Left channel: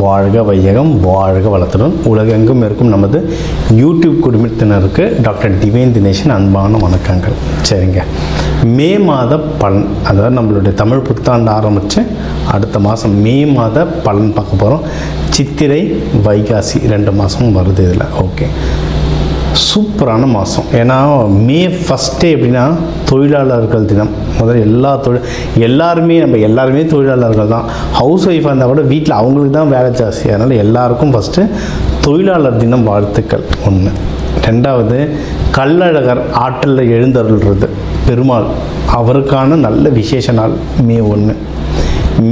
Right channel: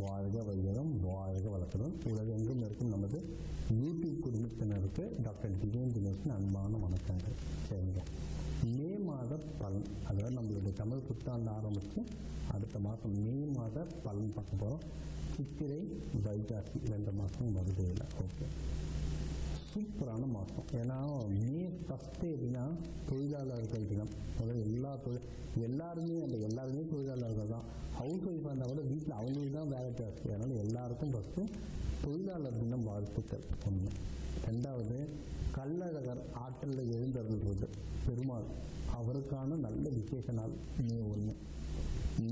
வாழ்க வையகம், வாழ்க வளத்துடன் உலகெங்கும் இருக்கும் நமது யூடியூப் குடும்பத்தினருக்கு டாக்டர் டிவைன் தினேஷன் அன்பான வணக்கங்கள். சரிங்க, மே மாத பலன், அதாவது நம்மளுடைய தமிழ் புத்தாண்டு ஆரம்பித்து அடுத்த மாதம் மே மாத பலன் பார்க்க போகிறோம். சித்திரை வைகாசி 2 மாதமும் வருது இதில். ஓகே, சூப்பரான மாதம். ஏன்னா மே ஃபஸ்ட்டே எப்படின்னா தொழிலாளர்கள் தினம். முதல்ல எல்லாருமே தொழிலாளர்கள் தான். ஹவுஸ் ஒய்ஃபாக இருந்தால் கூட வீட்டில் அவங்களுக்கு தான் வேலை ஜாஸ்தி. அதனால் எல்லாருக்கும் ஃபஸ்ட்டு தொழிலாளர் தினம் வாழ்த்துக்கள் ஒன்று. ரெண்டாவது, கள்ளழகர் ஆற்றலில் எழுந்தருள்றது பெருமாள், அவருக்கான நல்ல விசேஷ நாள் மே 1.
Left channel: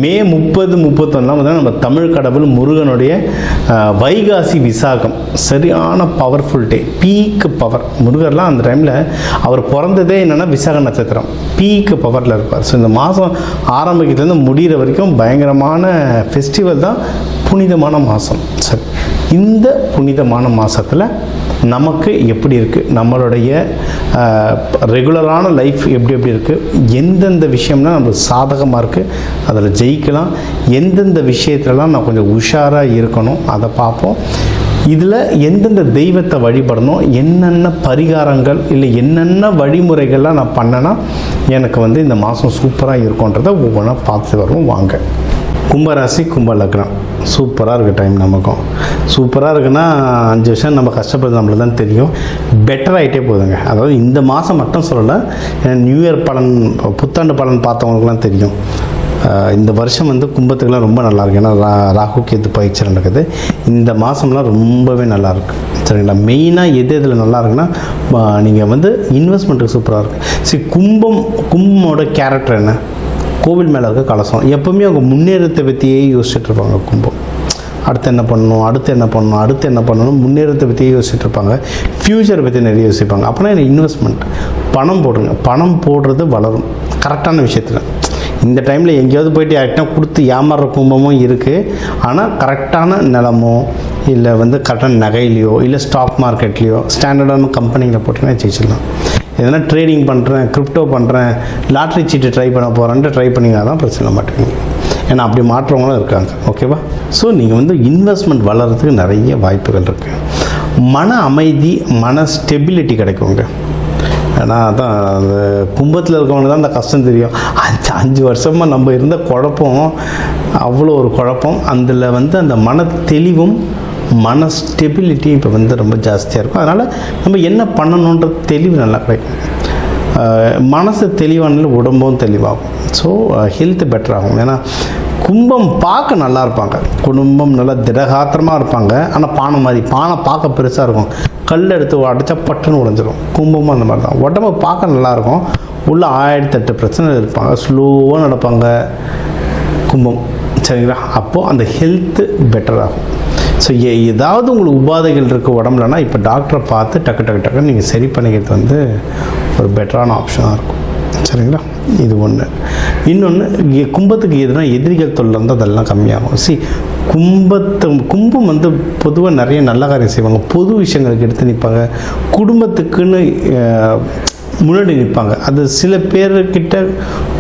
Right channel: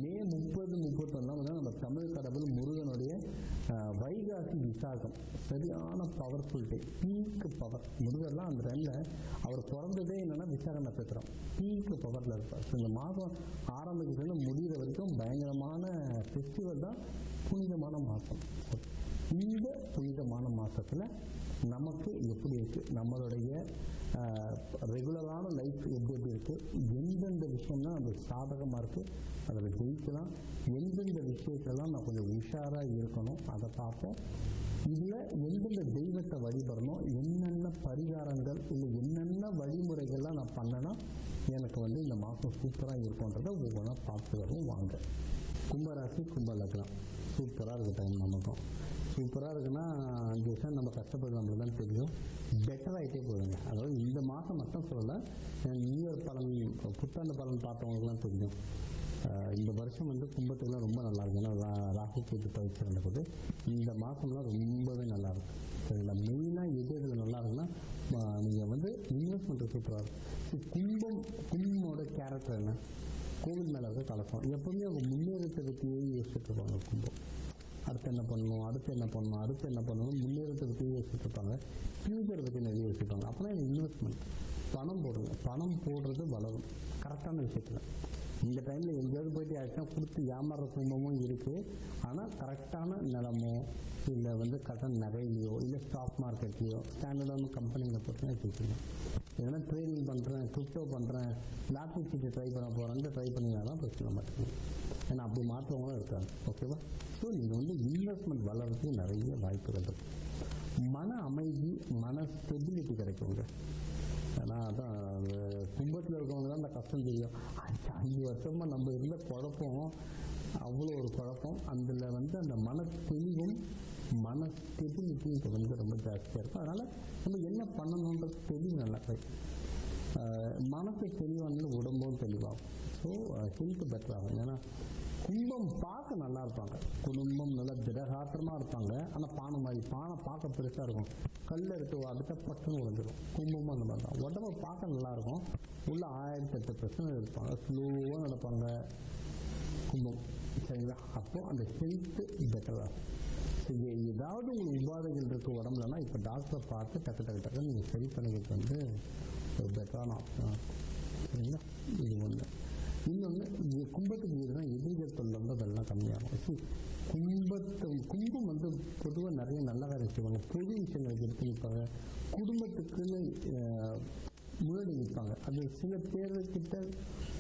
மே 30, 31 நம்ம தமிழ் கடவுள் முருகனுடைய வைகாசி விசாகம், சரியான பவர்ஃபுல் டே, பீக்கு பவர். முருகர்லாம் அந்த டைமில் அவர் பிறந்ததே என்னென்னா விசாக நட்சத்திரம், பீக்கு பவரில் இருப்பார். ஸோ இந்த மாதம் ஆரம்பிக்கிறதுலேருந்து முடிகிற வரைக்கும் பயங்கரமான ஃபெஸ்டிவல் தான், புனிதமான மாதம். சரி, இந்த புனிதமான மாதத்தில் நமக்கு எப்படி இருக்குது, நம்மளுடைய ரெகுலரான லைஃப் எப்படி இருக்குது, எந்தெந்த விஷயம்னா நம்மளுக்கு சாதகமாக இருக்குது, அதில் ஜெயிக்கலாம், எந்தெந்த விஷயத்துலலாம் நான் கொஞ்சம் உஷாராக இருக்கணும் அதை பார்ப்போம். இதில் எந்தெந்த தெய்வத்தை வழிபடணும், என்னென்ன பரிகாரங்கள் இல்லை என்னென்ன வழிமுறைகள்லாம் நான் பண்ணேன்னா எனக்கு இந்த மாதம் சூப்பராக இருக்கும்ன்றதை ஒவ்வொன்றா பார்த்து வருவோம். வாங்க. கும்பராசி, கும்ப லக்னம், சூப்பராக இருக்குது டைம். நமக்கும் சூப்பராக இருக்குன்னா 5 வருஷம் நம்ம கஷ்டப்படுறது நம்மளுக்கு தான் தெரியும். பெட்டர் ஆகிட்டே போகுதுங்க. அதாவது இந்த மாதம் மட்டும் சொல்லலை, நியூ இயர் பலன், புத்தாண்டு பலன் பார்த்தவங்களுக்குலாம் தெரியும். இந்த வருஷம் கும்பத்துக்குலாம் ரொம்ப நல்லாயிருக்கு. ஏன்னா ராகு கேது பயிற்சி நடக்குது. இந்த மாதம்லாம் ரொம்பவே நல்லாயிருக்கு. சரிங்களா? மெயினாக எது இதில் நல்லா இருக்குன்னா, நீங்கள் இன்வெஸ்ட்மெண்ட்டுக்கு சூப்பராக இருக்குது. சரி, கும்பமோட கேரக்டர் என்ன? கோவில் மேலே இருக்க கலசம். எப்போவுமே அவங்க முன்னேறத்தை பற்றியே யோசிச்சுட்டு இருப்பாங்க. கும்பம் அடுத்து என்ன பண்ணணும், முன்னேறத்தை பற்றியே யோசிச்சுட்டு இருப்பாங்க. ஃப்யூச்சரை பற்றி நிறைய யோசிப்பாங்க. அப்போனா என்ன, இன்வெஸ்ட்மெண்ட், பணம் போடுங்க. பணம் போடுறது வளரும் கரெக்டான விஷயத்தில். இந்த டைமில் எங்கேயாவது போய்ட்டு யார்கிட்ட கொடுத்து ஏமாறுற கும்பமும் இருக்குது. ஆனால் கரெக்டான நிலமோ இல்லை கரெக்டான நகையிலையோ இல்லை ஸ்டாக் மார்க்கெட்லேயோ ஸ்டாண்டர்டான கம்பெனியில் போட்டிங்கன்னா ஜெயிச்சிடலாம். எதனா ட்ரேடிங் பண்ணுறேன், கிரிப்டோ பண்ணுறேன், லாட்ரி சீட்டு ட்ரை பண்ண போகிறேன்ட்டு ட்ரை பண்ணிங்கன்னா தான் பிரச்சனை மாட்டேங்க. ஏன்னா அப்படி மாற்றவங்களும் இருக்காங்க. ஓகேவா? ஸோ நீங்கள் இன்வெஸ்ட்மெண்ட் வளர்கிறதுக்கு நிறைய வாய்ப்புகள் இருக்குது. மன அமைதி, மன ஸ்டெபிலிட்டி கிடைக்குங்க. ஏன்னா அதான் அந்த கும்பத்தில் இருக்கவங்க தான் அந்த கஷ்டம் தெரியும். 5 வருஷமாக நம்ம இருந்த குழப்பம், அவ்வளோ ஒரு குழப்பம். அதில் அந்த மன தெளிவும் மன ஸ்டெபிலிட்டி இப்போ ரொம்ப ஜாஸ்தியாக இருக்கும். அதனால் நம்ம என்ன பண்ணணுன்ற தெளிவு நல்லா கிடைக்கும். மனசு தெளிவானால உடம்பும் தெளிவாகும். ஸோ ஹெல்த்து பெட்டர் ஆகும். ஏன்னா கும்பம் பார்க்க நல்லா இருப்பாங்க, குடும்பம் நல்லா திடகாத்திரமாக இருப்பாங்க. ஆனால் பானை பார்க்க பெருசாக இருக்கும், கல் எடுத்து அடித்தா பட்டுன்னு உடைஞ்சிரும். கும்பமும் அந்த மாதிரி தான். உடம்பு பார்க்க நல்லாயிருக்கும், உள்ள 1008 பிரச்சனை இருப்பாங்க, ஸ்லோவாக நடப்பாங்க கும்பம். சரிங்களா? அப்போது அந்த ஹெல்த்து பெட்டர் ஆகும். ஸோ ஏதாவது உங்களுக்கு உபாதைகள் இருக்குது உடம்புலனா, இப்போ டாக்டரை பார்த்து டக்கு நீங்கள் சரி பண்ணிக்கிறது ஒரு பெட்டரான ஆப்ஷனாக இருக்கும். சரிங்களா? இது ஒன்று. இன்னொன்று, கும்பத்துக்கு எதுனா எதிரிகள் தொல்லை இருந்தால் அதெல்லாம் கம்மியாகும். கும்பம் பொதுவாக நிறைய நல்ல காரியம் செய்வாங்க, பொது விஷயங்களுக்கு எடுத்து நிற்பாங்க, குடும்பத்துக்குன்னு முன்னாடி நிற்பாங்க. அது சில பேர்கிட்ட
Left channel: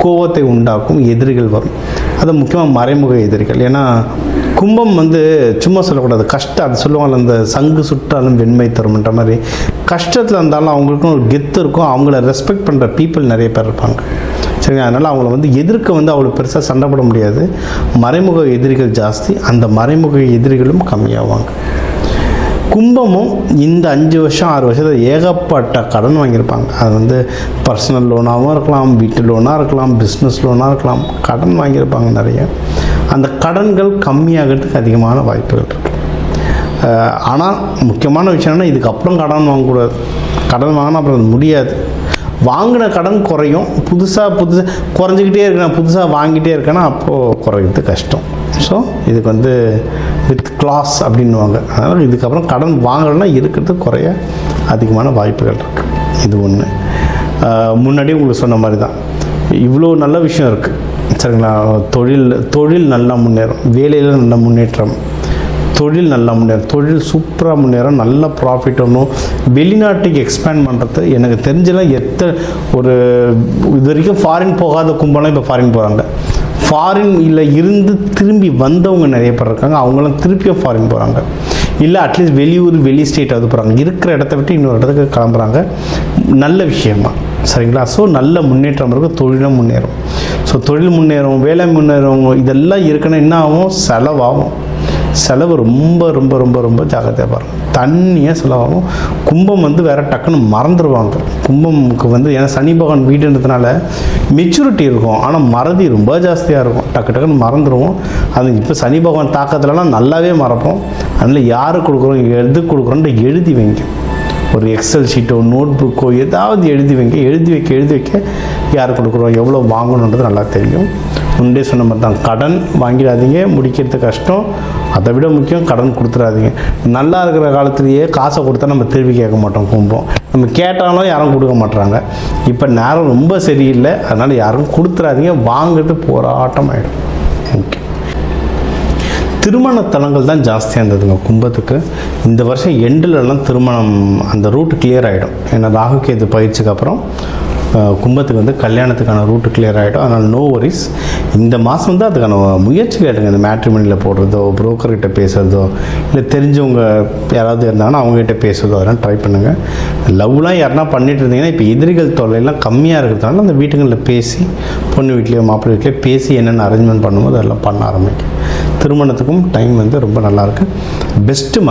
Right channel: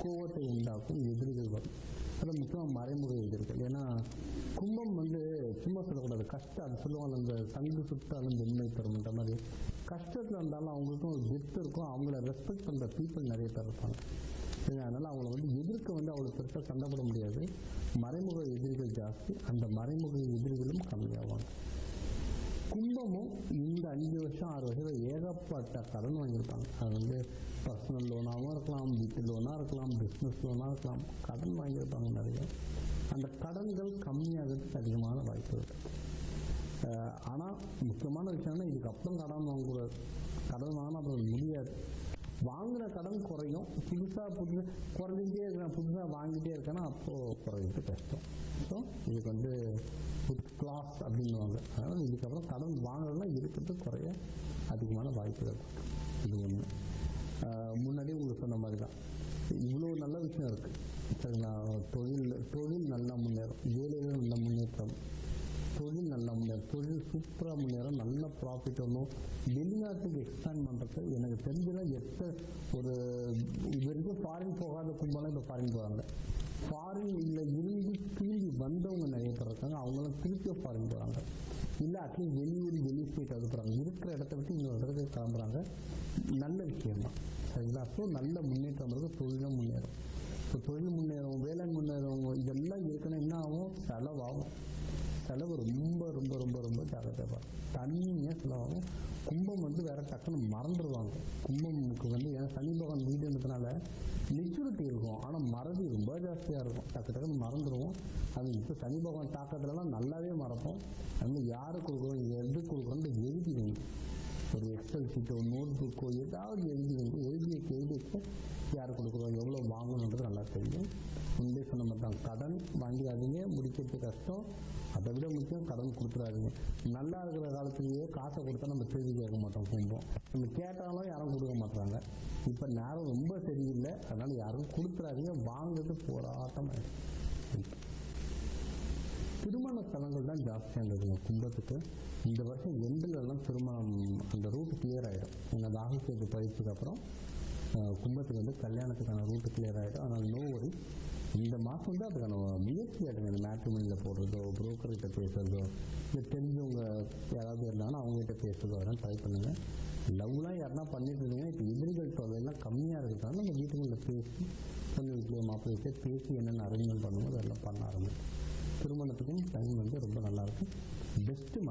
கோபத்தை உண்டாக்கும், எதிரிகள் வரும். அது முக்கியமாக மறைமுக எதிரிகள். ஏன்னா கும்பம் சும்மா சொல்லக்கூடாது, கஷ்டம். அது சொல்லுவாங்க, அந்த சங்கு சுட்டாலும் வெண்மை தரும்ன்ற மாதிரி. கஷ்டத்தில் இருந்தாலும் அவங்களுக்கும் ஒரு கெத்து இருக்கும், அவங்கள ரெஸ்பெக்ட் பண்ணுற பீப்புள் நிறைய பேர் இருப்பாங்க. சரிங்க? அதனால் அவங்கள எதிர்க்க அவ்வளோ பெருசாக சண்டை போட முடியாது. மறைமுக எதிரிகள் ஜாஸ்தி, அந்த மறைமுக எதிரிகளும் கம்மியாவாங்க. கும்பமும் இந்த 5 வருஷம் 6 வருஷத்தில் ஏகப்பட்ட கடன் வாங்கியிருப்பாங்க. அது பர்சனல் லோனாகவும் இருக்கலாம், வீட்டு லோனாக இருக்கலாம், பிஸ்னஸ் லோனாக இருக்கலாம். கடன் வாங்கியிருப்பாங்க நிறைய. அந்த கடன்கள் கம்மியாகிறதுக்கு அதிகமான வாய்ப்புகள் இருக்குது. ஆனால் முக்கியமான விஷயம் என்ன, இதுக்கப்புறம் கடன் வாங்கக்கூடாது. கடன் வாங்கினா அப்புறம் அது முடியாது. வாங்கின கடன் குறையும், புதுசாக குறைஞ்சிக்கிட்டே இருக்கேன், புதுசாக வாங்கிட்டே இருக்கேன்னா அப்போது குறையிறது கஷ்டம். ஸோ இதுக்கு வித் கிளாஸ் அப்படின்வாங்க. அதனால் இதுக்கப்புறம் கடன் வாங்கலைன்னா இருக்கிறது குறைய அதிகமான வாய்ப்புகள் இருக்குது. இது ஒன்று. முன்னாடியே உங்களுக்கு சொன்ன மாதிரி தான், இவ்வளோ நல்ல விஷயம் இருக்குது. சரிங்களா? தொழில் நல்லா முன்னேறும், வேலையில் நல்ல முன்னேற்றம், தொழில் நல்லா முன்னேறும், தொழில் சூப்பராக முன்னேறும், நல்ல ப்ராஃபிட் ஒன்றும். வெளிநாட்டுக்கு எக்ஸ்பேண்ட் பண்ணுறது எனக்கு தெரிஞ்செல்லாம் இது வரைக்கும் ஃபாரின் போகாத கும்பலாம் இப்போ ஃபாரின் போகிறாங்க. ஃபாரின்ல இருந்து திரும்பி வந்தவங்க நிறைய பேர் இருக்காங்க. அவங்களாம் திருப்பியும் ஃபாரின் போகிறாங்க, இல்லை அட்லீஸ்ட் வெளியூர் வெளி ஸ்டேட்டாவது போகிறாங்க, இருக்கிற இடத்த விட்டு இன்னொரு இடத்துக்கு கிளம்புறாங்க. நல்ல விஷயமா சரிங்களா? ஸோ நல்ல முன்னேற்றம் இருக்கும், தொழிலும் முன்னேறும். ஸோ தொழில் முன்னேறும், வேலை முன்னேறும், இதெல்லாம் இருக்குன்னா என்ன ஆகும்? செலவாகும். செலவு ரொம்ப ரொம்ப ரொம்ப ரொம்ப ஜாக்கிரதையாக பாருங்கள். தண்ணியாக செலவாகும். கும்பம் வந்து வேறு டக்குன்னு மறந்துடுவாங்க. கும்பமுக்கு வந்து ஏன்னா சனி பகவான் வீடுன்றதுனால மெச்சூரிட்டி இருக்கும், ஆனால் மறதி ரொம்ப ஜாஸ்தியாக இருக்கும். டக்குன்னு மறந்துடுவோம். அது இப்போ சனி பகவான் தாக்கத்துலலாம் நல்லாவே மறப்போம். அதனால் யாருக்கு கொடுக்குறோம், எது கொடுக்குறோன்ட்டு எழுதி வைங்க. ஒரு எக்ஸல் ஷீட்டோ நோட் புக்கோ ஏதாவது எழுதி வைங்க. எழுதி வைக்க யார் கொடுக்குறோம், எவ்வளோ வாங்கணுன்றது நல்லா தெரியும். முன்னே சொன்ன மாதிரி தான், கடன் வாங்கிடாதீங்க, முடிக்கிறது கஷ்டம். அதை விட முக்கியம் கடன் கொடுத்துடாதீங்க. நல்லா இருக்கிற காலத்துலேயே காசை கொடுத்தா நம்ம திருப்பி கேட்க மாட்டோம். கும்பம் நம்ம கேட்டாலும் யாரும் கொடுக்க மாட்டுறாங்க. இப்போ நேரம் ரொம்ப சரியில்லை, அதனால் யாரும் கொடுத்துடாதீங்க. வாங்கிறது போராட்டம் ஆகிடும். ஓகே, திருமண தலங்கள் தான் ஜாஸ்தியாக இருந்ததுங்க கும்பத்துக்கு. இந்த வருஷம் எண்டிலெல்லாம் திருமணம் அந்த ரூட்டு கிளியர் ஆகிடும். ஏன்னா ராகுகேது பயிற்சிக்கு அப்புறம் கும்பத்துக்கு வந்து கல்யாணத்துக்கான ரூட்டு கிளியர் ஆகிடும். அதனால் நோ வரிஸ். இந்த மாதம் வந்து அதுக்கான முயற்சி கேட்டுங்க. இந்த மேட்ரிமோனியில் போடுறதோ, புரோக்கர்கிட்ட பேசுகிறதோ, இல்லை தெரிஞ்சவங்க யாராவது இருந்தாங்கன்னா அவங்ககிட்ட பேசுகிறதோ, அதெல்லாம் ட்ரை பண்ணுங்கள். லவ்லாம் யாருனா பண்ணிட்டு இருந்தீங்கன்னா இப்போ எதிரிகள் தொல்லையெல்லாம் கம்மியாக இருக்கிறதுனால அந்த வீட்டுங்களில் பேசி, பொண்ணு வீட்லேயோ மாப்பிள்ளை வீட்லேயோ பேசி என்னென்ன அரேஞ்ச்மெண்ட் பண்ணும்போது அதெல்லாம் பண்ண ஆரம்பிக்கும். திருமணத்துக்கும் டைம் வந்து ரொம்ப நல்லாயிருக்கு. பெஸ்ட்டு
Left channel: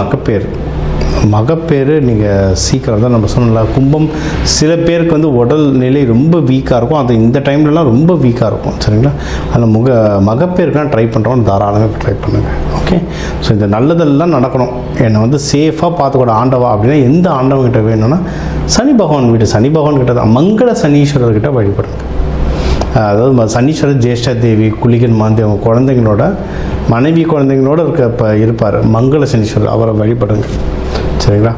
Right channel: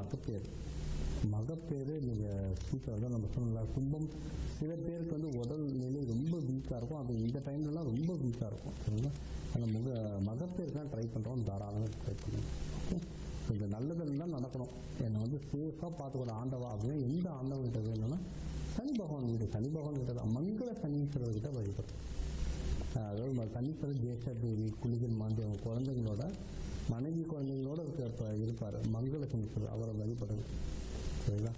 மகப்பேறு நீங்கள் சீக்கிரம் தான் நம்ம சொன்னலாம். கும்பம் சில பேருக்கு வந்து உடல் நிலை ரொம்ப வீக்காக இருக்கும். அது இந்த டைம்லலாம் ரொம்ப வீக்காக இருக்கும் சரிங்களா? அதில் மகப்பேருக்குலாம் ட்ரை பண்ணுறோம், தாராளமாக ட்ரை பண்ணுங்கள். ஓகே, ஸோ இந்த நல்லதெல்லாம் நடக்கணும். என்னை வந்து சேஃபாக பார்த்துக்கூட ஆண்டவா அப்படின்னா எந்த ஆண்டவங்கிட்ட வேணும்னா சனி பகவான் கிட்ட தான், மங்கள சனீஸ்வரர்கிட்ட வழிபடுங்க. அதாவது சனீஸ்வரர் ஜேஷ்டா தேவி குளிகன் மாந்தி அவங்க குழந்தைங்களோட மனைவி குழந்தைங்களோட இருப்பார் மங்கள சனீஸ்வரர், அவரை வழிபடுங்க சரிங்களா?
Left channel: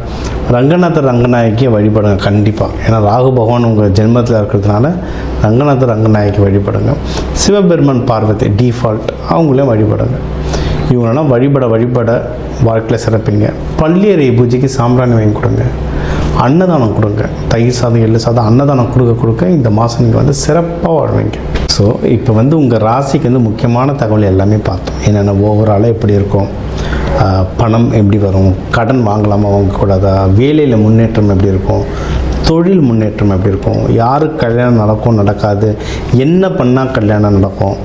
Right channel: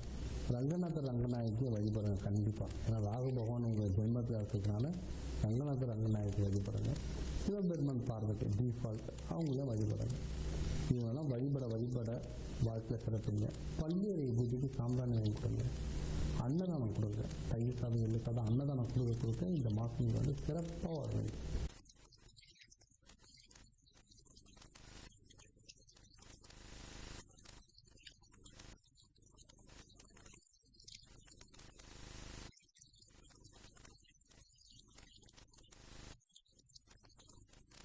ரங்கநாயகியை வழிபடுங்க கண்டிப்பாக. ஏன்னா ராகு பகவான் உங்கள் ஜென்மத்தில் இருக்கிறதுனால ரங்கநாயகி வழிபடுங்க. சிவபெருமான் பார்வதி டிஃபால்ட் அவங்களையும் வழிபடுங்க. இவங்களெல்லாம் வழிபட வாழ்க்கையில் சிறப்பிங்க. பள்ளியறை பூஜைக்கு சாம்பிராணி வாங்கி கொடுங்க. அன்னதானம் கொடுங்க. தயிர் சாதம், எள்ளு சாதம் அன்னதானம் கொடுக்க இந்த மாதம் நீங்கள் வந்து சிறப்பாக வாழ்வீங்க. ஸோ இப்போ வந்து உங்கள் ராசிக்கு வந்து முக்கியமான தகவல் எல்லாமே பார்த்தோம். என்னென்ன ஓவராலாக எப்படி இருக்கும், பணம் எப்படி வரும், கடன் வாங்கலாமா வாங்கக்கூடாதா, வேலையில் முன்னேற்றம் எப்படி இருக்கும், தொழில் முன்னேற்றம் எப்படி இருக்கும், யாருக்கு கல்யாணம் நடக்கும் நடக்காது, என்ன பண்ணால் கல்யாணம் நடக்கும்,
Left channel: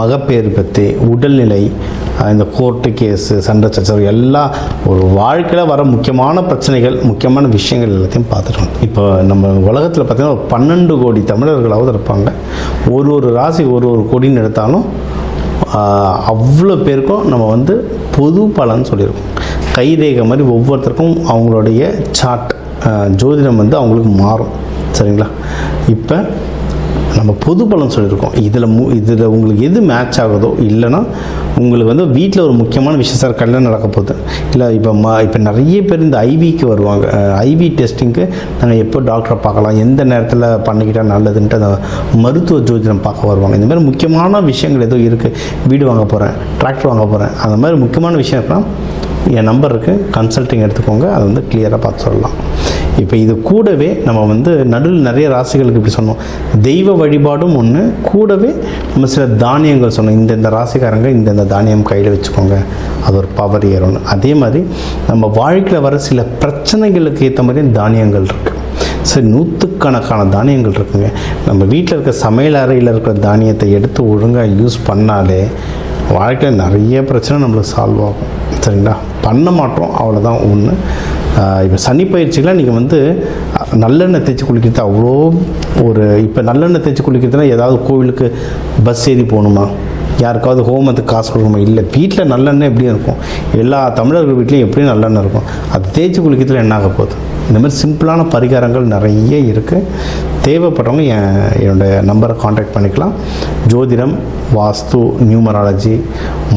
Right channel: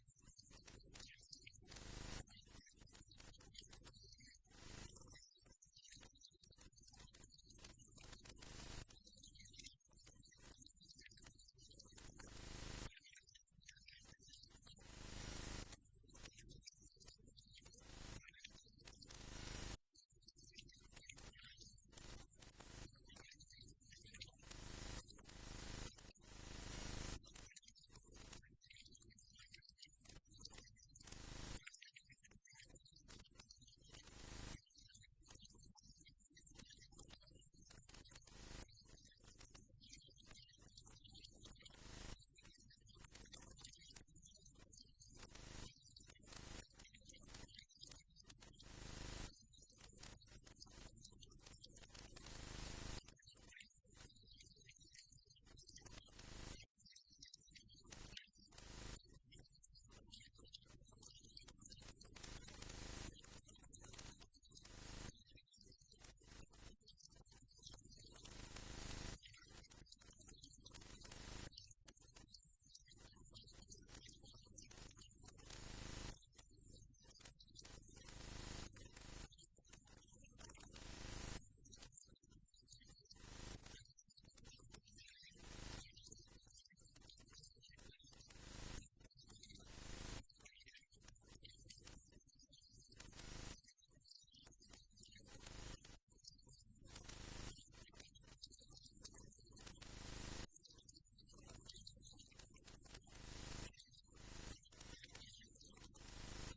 மகப்பேறு பற்றி, உடல்நிலை, இந்த கோர்ட்டு கேஸு, சண்டை சச்சரவு எல்லாம் ஒரு வாழ்க்கையில் வர முக்கியமான பிரச்சனைகள், முக்கியமான விஷயங்கள் எல்லாத்தையும் பார்த்துட்டோம். இப்போ நம்ம உலகத்தில் பார்த்திங்கன்னா 12 கோடி தமிழர்களாவது இருப்பாங்க. ஒரு ராசி ஒரு கோடின்னு எடுத்தாலும் அவ்வளோ பேருக்கும் நம்ம வந்து பொது பலன்னு சொல்லியிருக்கோம். கைரேகை மாதிரி ஒவ்வொருத்தருக்கும் அவங்களுடைய சார்ட் ஜோதிடம் வந்து அவங்களுக்கு மாறும் சரிங்களா? இப்போ நம்ம பொது பலன் சொல்லியிருக்கோம். இதில் உங்களுக்கு எது மேட்ச் ஆகுதோ, இல்லைன்னா உங்களுக்கு வந்து வீட்டில் ஒரு முக்கியமான விஷயம் சார் கல்யாணம் நடக்க போகுது, இல்லை இப்போ நிறைய பேர் இந்த ஐவிக்கு வருவாங்க. ஐவி டெஸ்டிங்க்கு நாங்கள் எப்போ டாக்டரை பார்க்கலாம், எந்த நேரத்தில் பண்ணிக்கிட்டால் நல்லதுன்ட்டு அந்த மருத்துவ ஜோதிடம் பார்க்க வருவாங்க. இந்த மாதிரி முக்கியமான விஷயங்கள் ஏதோ இருக்குது, வீடு வாங்க போகிறேன், டிராக்டர் வாங்க போகிறேன், அந்த மாதிரி முக்கியமான விஷயம் இருக்குன்னா என் நம்பர் இருக்குது, கன்சல்ட்டிங் எடுத்துக்கோங்க. அதை வந்து கிளியராக பார்த்து சொல்லலாம். இப்போ இது கூடவே நம்ம வந்து நடுவில் நிறைய ராசிகளுக்கு இப்படி சொன்னோம், தெய்வ வழிபாடும் ஒன்று, கூடவே நம்ம சில தானியங்கள் சொன்னோம். இந்த ராசிக்காரங்க இந்த தானியம் கையில் வச்சுக்கோங்க, அது ஒரு பவர் ஏறணும். அதே மாதிரி நம்ம வாழ்க்கையில் வர சில பிரச்சனைகளுக்கு ஏற்ற மாதிரி தானியங்கள் இருக்குது. சரி, நூற்றுக்கணக்கான தானியங்கள் இருக்குங்க. நம்ம வீட்டில் இருக்க சமையல் அறையில் இருக்கிற தானியத்தை எடுத்து ஒழுங்காக யூஸ் பண்ணாலே வாழ்க்கையில் நிறைய பிரச்சனை நம்மளுக்கு சால்வ் ஆகும் சரிங்களா? பண்ண மாட்டோம், அவ்வளோதான் ஒன்று. இப்போ சனி பயிற்சிகளாக நீங்கள் வந்து நல்லெண்ணெய் தேய்ச்சி குளிக்கிறது அவ்வளோ இப்போ நல்லெண்ணெய் தேய்ச்சி குளிக்கிறதுனா ஏதாவது கோவிலுக்கு பஸ் ஏறி போகணுமா, யாருக்காவது ஹோமத்துக்கு காசு கொடுக்கணுமா? இல்லை, வீட்டில் நல்லெண்ணெய் எப்படியும் இருக்கும். எல்லா தமிழர்கள் வீட்லேயும் எப்படியும் நல்லெண்ணெய் இருக்கும். அது தேய்ச்சி குளிக்கிறதுல என்ன ஆக போகுது? இந்த மாதிரி சிம்பிளான பரிகாரங்கள் நிறைய இருக்குது. தேவைப்படுறவங்க என்னோடய நம்பரை காண்டாக்ட் பண்ணிக்கலாம். ஜோதிடம், வாஸ்து, நியூமராலஜி,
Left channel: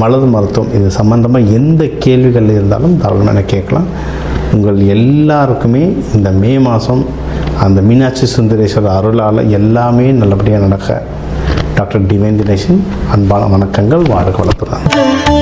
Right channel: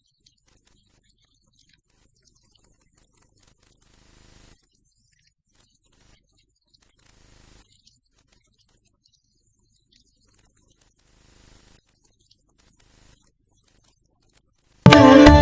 மலர் மருத்துவம் இது சம்மந்தமாக எந்த கேள்விகள் இருந்தாலும் தாராளமாக எனக்கு கேட்கலாம். உங்கள் எல்லாருக்குமே இந்த மே மாதம் அந்த மீனாட்சி சுந்தரேஸ்வரர் அருளால் எல்லாமே நல்லபடியாக நடக்க டாக்டர் டிவைன் தினேஷன் அன்பான வணக்கங்கள். வாழ்க வளத்துடன்.